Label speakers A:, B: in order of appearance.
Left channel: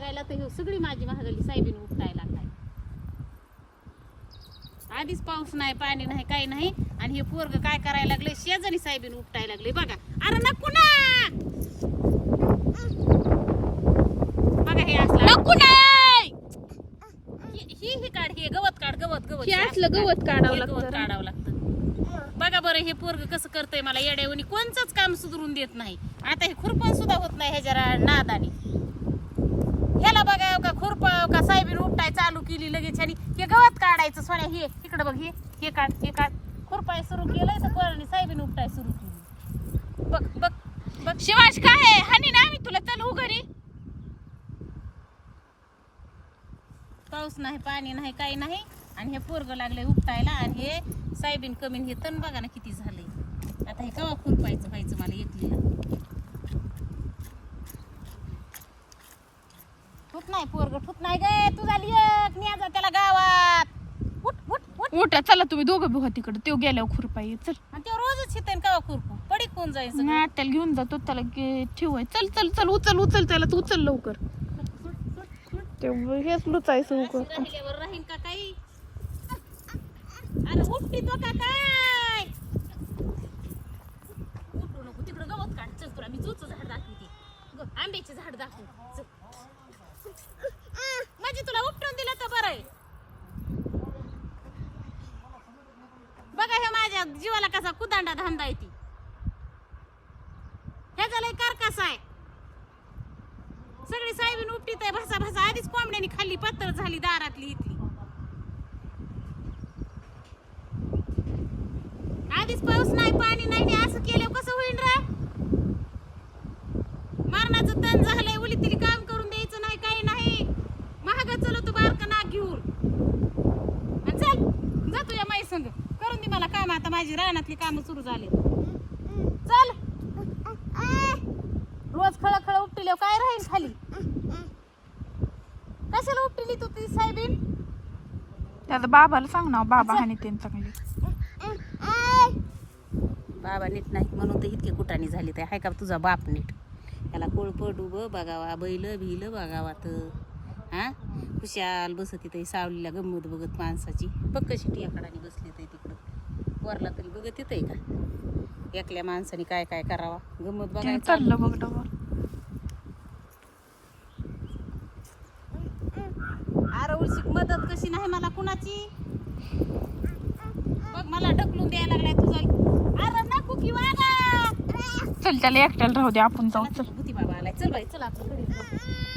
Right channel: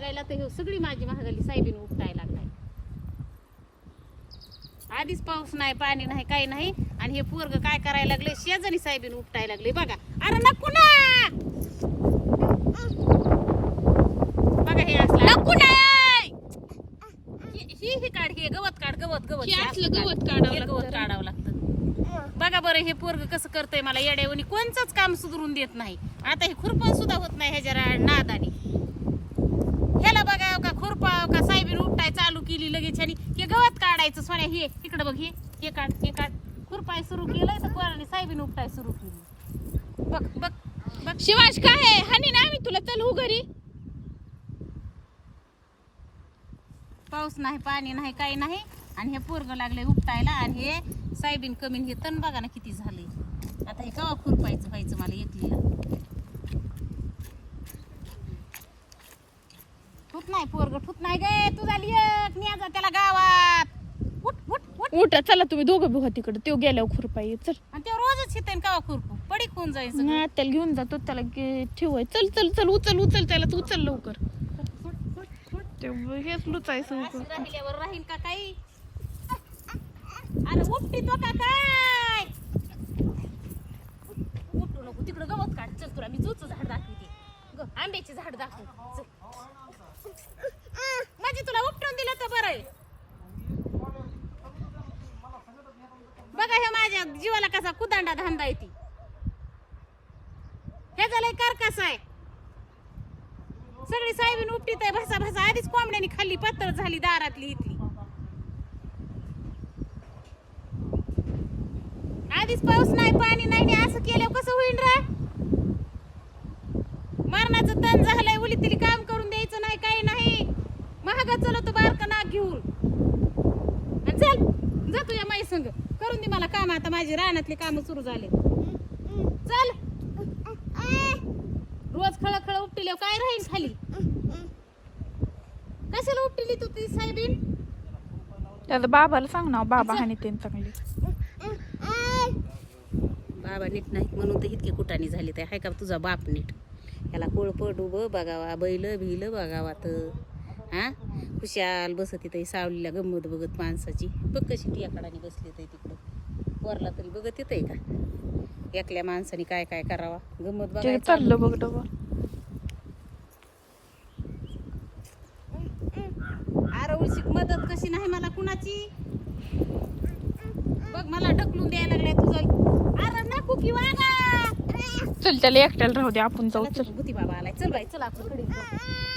A: सगळी माझी महागली साहेबीन उपटायला लागलाय. आधीच पाऊस नाही पाणी नाही काही नाही. आणि हे पोरग काय करायला लागले शेजारी साहेबीन उपटायला लागले बघा. अरे नको ना! बघा हे असलं. ही ही काढ हे गवत काढ गवत गवत.
B: हे
A: हे
B: असलं. गवत काढावं
A: हे गवत. काढावं लागतं. बघा बरं हे पोरग कसं करतंय मला. येड्यावणी कोणचंच काम सुधरून देत नाही. आता हे खुरपण सुद्धा होत नाही ह्याच्या नादानी ह्याला बघा का खुरपा का साहेबीन उपटाय चालू केली लगेच आणि हे गवत काढायचं सोन्या हे इकडे बघ हे हे काढ हे काढ. खुरपाय सुरू केलंय तर पोराने साहेबीन उपटाय सुरू केली. बघ बघ बघ.
B: शिवांश काय आहे? हानी ना आम्ही तुला चल हो घरी.
A: पाऊस नाही पाणी नाही काही नाही. आणि हे पोरग लागले उपटायला आणि हे साहेबीन कमी हे तण बघा ना किती झालंय. आता हे कवा खुरपायचं व्हायचं मला एकलीला. फुट नाही पोरग फुट नाही गे तू झाली एक न्याजा त्याला गावात उठ उठ उठ
B: उठा चला तुम्ही दोघं बघा तिकडे. तो गेल्यावर खुरपाई चल.
A: आणि ते रोजच येते कवा खुरपू? पडी कोण सगळं.
B: नाही त्याला घेऊन जातो त्याला गे- ठेवाय. चल चल चल उचल उचल त्याला तू उचल लवकर. ते हेच लुचायचं
A: अशी राहिल्यावर राहीन का काही? अरे उपटी तो का काय? उठू नको तिकडं गवत काढ. चल तुला मी जुचं झाड दाखवते. ग आंब्याचे झाड दाखव. चल. म्हणजे तुला उपटून दिलं तर बरं आहे बघा जीवाला कसा कुदांडा धांदा येते ह्याचा लय कारकास आहे. सगळी साहेबीन उपटीत आहे भासा भासा आधीच कोंबड्यानी खाल्ली पातळ झाली दारातली इथली. आधीच पाऊस नाही पाणी नाही असं केल्यावर कसं होईल रा? मरणाचं तण झालंय उली तरी काम करून द्यायचं नाही काही नाही. महाग चलो तो बारका नाग घेऊन. चल. जा तुझ्या माई संग. करून दे मला काम आता माझी रानातली काम सुरू झाले. चल. रोज खळ खळ उपटिले काय राहील खाली? कशाला उपटिली तू ती साहेबीन?
B: त्याचा बाबाला सांग ना बाबा. हानी ते चांगले.
A: बाबा नीट नाहीत म्हणून तर इतके कुटाणी झाली ते. हाय का तुझा बाप नीट? याला कोळपट उभं बघावा बैल भिल बघावा तर हा? खुशाल बसत तिथं सावलीला गंमत बघत माणसाची. बघ कशी टियाकडाने बसली तर तिकडं. वरला तरी बघत येतंय का? एकल्या माणसाने काय काय करावा? गंमत बघायचं
B: चाललं बघ
A: अरे उलशीक मदत कशी नाही मला कुणाची? बघ मला ढकलून द्यायला लागलाय तुझा. अरे नको की वागा
B: चल त्याला एकट्याला राहू दे आपण जाऊ
A: चला भूती बाबा आलाय. चल बाई चल आपलं घरी. जाऊ.